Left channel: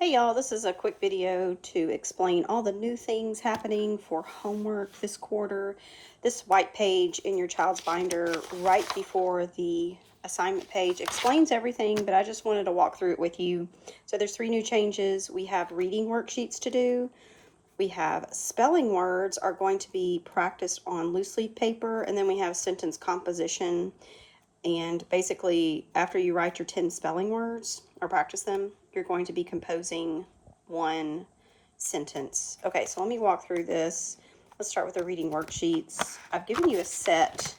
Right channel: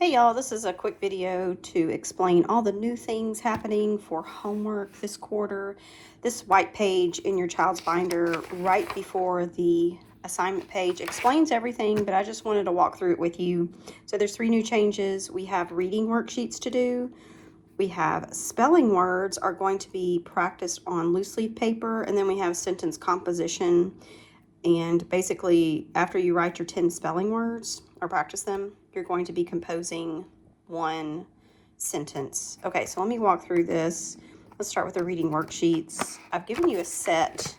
Hey y'all, this is a quick video to explain all the new things happening for homework this quarter. This white page in your child's binder right before the assignment page explains everything, but I just wanted to walk through it with you. So there's 3 new changes. We have reading worksheets to do. We have spelling words are going to be practiced on loose leaf paper, and then we have sentence composition. And basically, after you write your 10 spelling words or practice them, you're going to be composing one sentence. Okay, so let me walk through this. Let's start with the reading worksheets. I've given you a set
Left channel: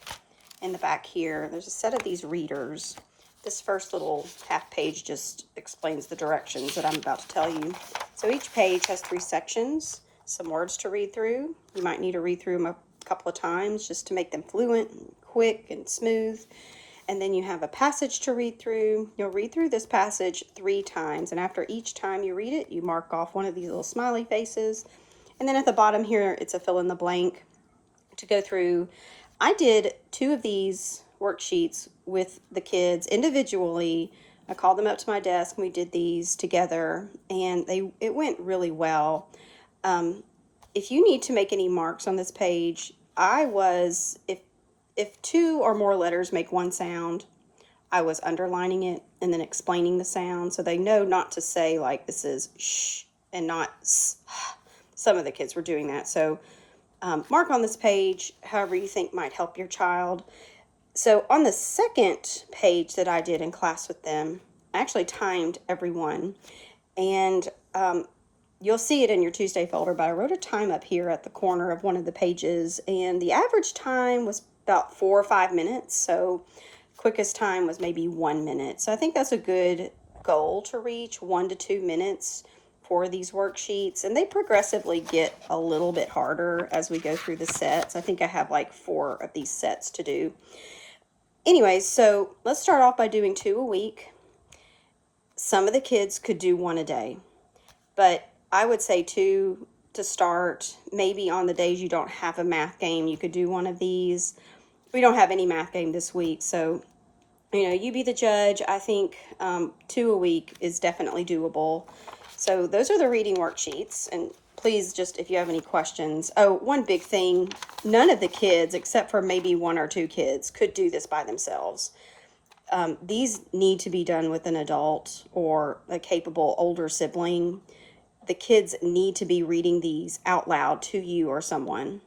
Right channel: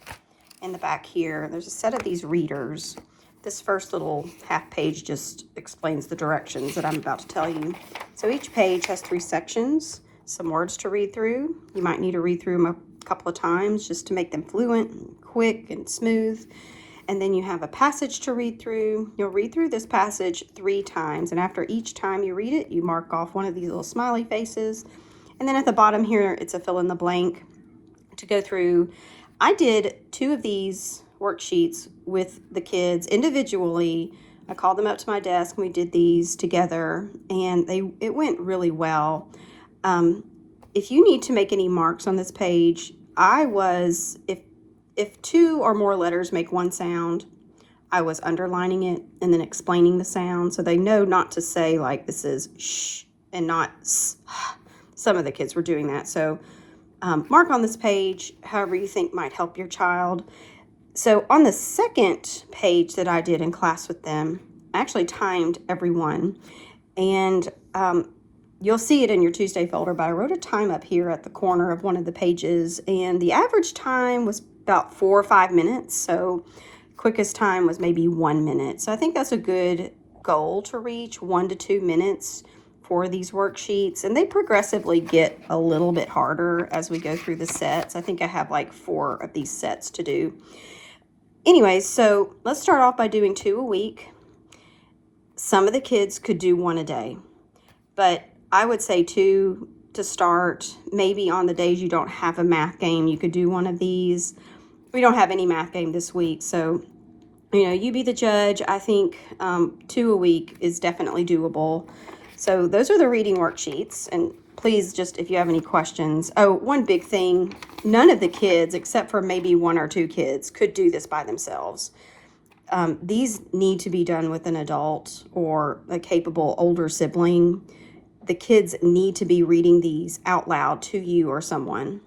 in the back here. There's a set of these readers. This first little half page just explains the directions that I'm about to tell you. So each page has 3 sections, some words to read through. You might need to read through them a couple of times just to make them fluent and quick and smooth. And then you have a passage to read through. You'll read through this passage 3 times, and after each time you read it, you mark off one of these little smiley faces. And then at the bottom here, it's a fill in the blank to go through. I did 2 of these worksheets with the kids individually. I called them up to my desk and we did these together, and it went really well. If you need to make any marks on this page, if 2 or more letters make one sound, I was underlining it and then explaining the sound so they know not to say like this is shh and not s. Some of the kids were doing that. So mark on this page however you think might help your child. So on the second page that I did in class with them, I actually timed everyone, and you'll see it in your Tuesday folder, but I wrote a time up here at the corner of one of the pages, and the average time was about 4 or 5 minutes. So quickest time was maybe 1 minute. So I think that's a good goal to reach, 1 to 2 minutes for these worksheets. And they progressively get a little bit harder as we go through the sets. I think I have like 4 of these sets to do. Anyways, so let's start off by doing 2 a week. Some of the kids could do 1 a day, but I would say 2 to start. Maybe on the days you don't have a math game, you could do 1 of these. We don't have any math game this week, so you be the judge. I think 2 a week is definitely doable. So those are the reading worksheets, and please, just if you have any questions. Oh, one big thing, none of the kids, except for maybe 1 or 2 kids, could do this by themselves. These need to be done with an adult or a capable older sibling. The kids need to be reading these out loud to you or someone.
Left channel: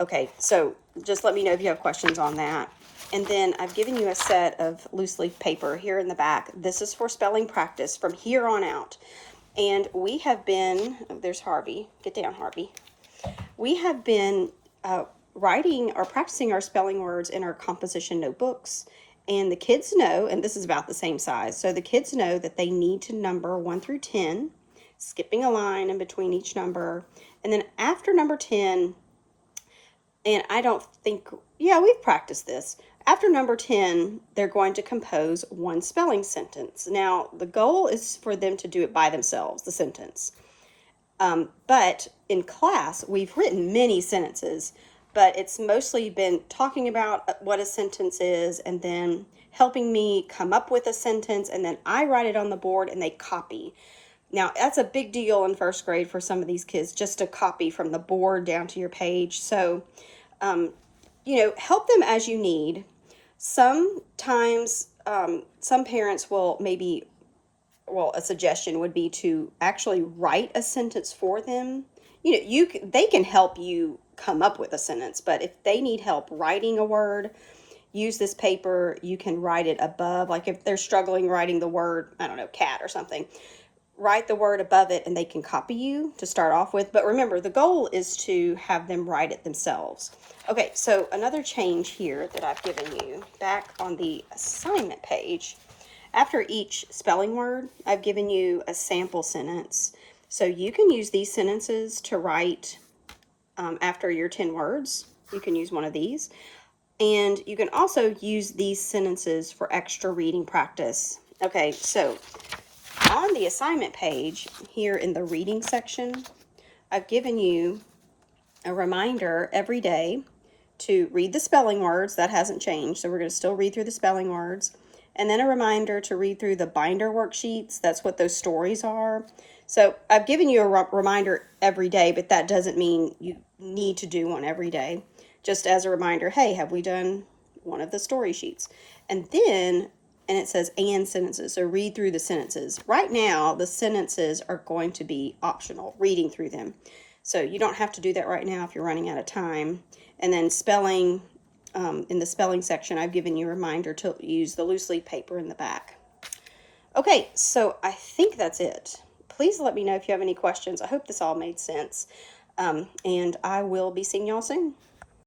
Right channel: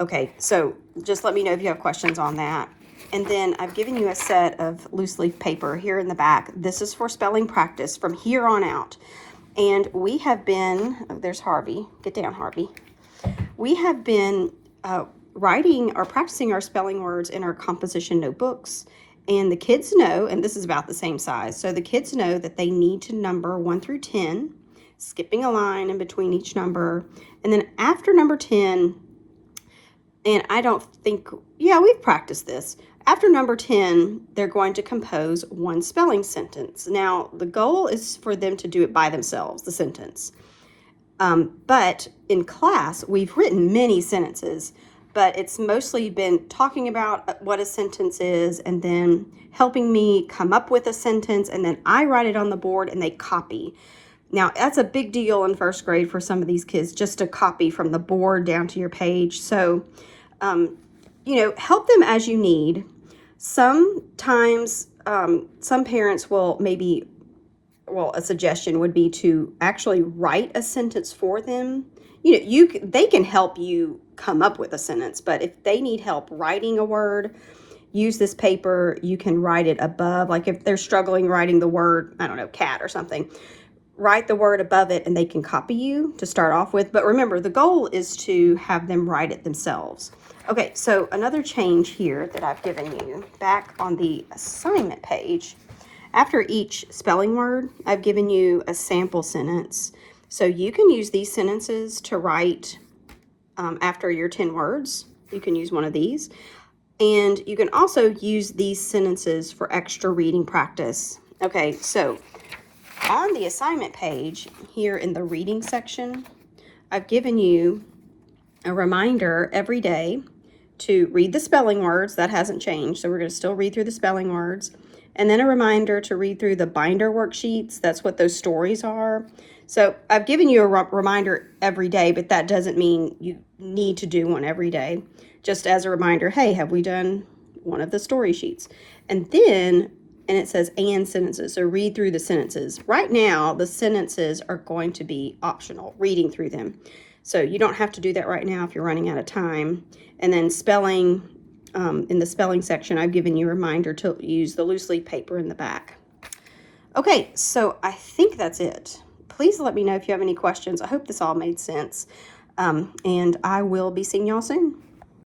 Okay, so just let me know if you have questions on that. And then I've given you a set of loose leaf paper here in the back. This is for spelling practice from here on out. And we have been, oh, there's Harvey. Get down, Harvey. We have been writing or practicing our spelling words in our composition notebooks. And the kids know, and this is about the same size, so the kids know that they need to number 1 through 10, skipping a line in between each number. And then after number 10, and I don't think, yeah, we've practiced this. After number 10, they're going to compose 1 spelling sentence. Now, the goal is for them to do it by themselves, the sentence. But in class, we've written many sentences, but it's mostly been talking about what a sentence is and then helping me come up with a sentence, and then I write it on the board and they copy. Now, that's a big deal in 1st grade for some of these kids, just to copy from the board down to your page. So, help them as you need. Sometimes some parents will a suggestion would be to actually write a sentence for them. They can help you come up with a sentence, but if they need help writing a word, use this paper. You can write it above, like if they're struggling writing the word, I don't know, cat or something, write the word above it and they can copy you to start off with. But remember, the goal is to have them write it themselves. Okay, so another change here that I've given you back on the assignment page, after each spelling word, I've given you a sample sentence. So you can use these sentences to write after your 10 words. You can use one of these. And you can also use these sentences for extra reading practice. Okay, so on the assignment page here in the reading section, I've given you a reminder every day to read the spelling words. That hasn't changed, so we're going to still read through the spelling words. and then a reminder to read through the binder worksheets. That's what those stories are. So I've given you a reminder every day, but that doesn't mean you need to do one every day. Just as a reminder, hey, have we done one of the story sheets? And then, and it says and sentences, so read through the sentences. Right now, the sentences are going to be optional, reading through them. So you don't have to do that right now if you're running out of time. And then spelling, in the spelling section, I've given you a reminder to use the loose leaf paper in the back. Okay, so I think that's it. Please let me know if you have any questions. I hope this all made sense. And I will be seeing y'all soon.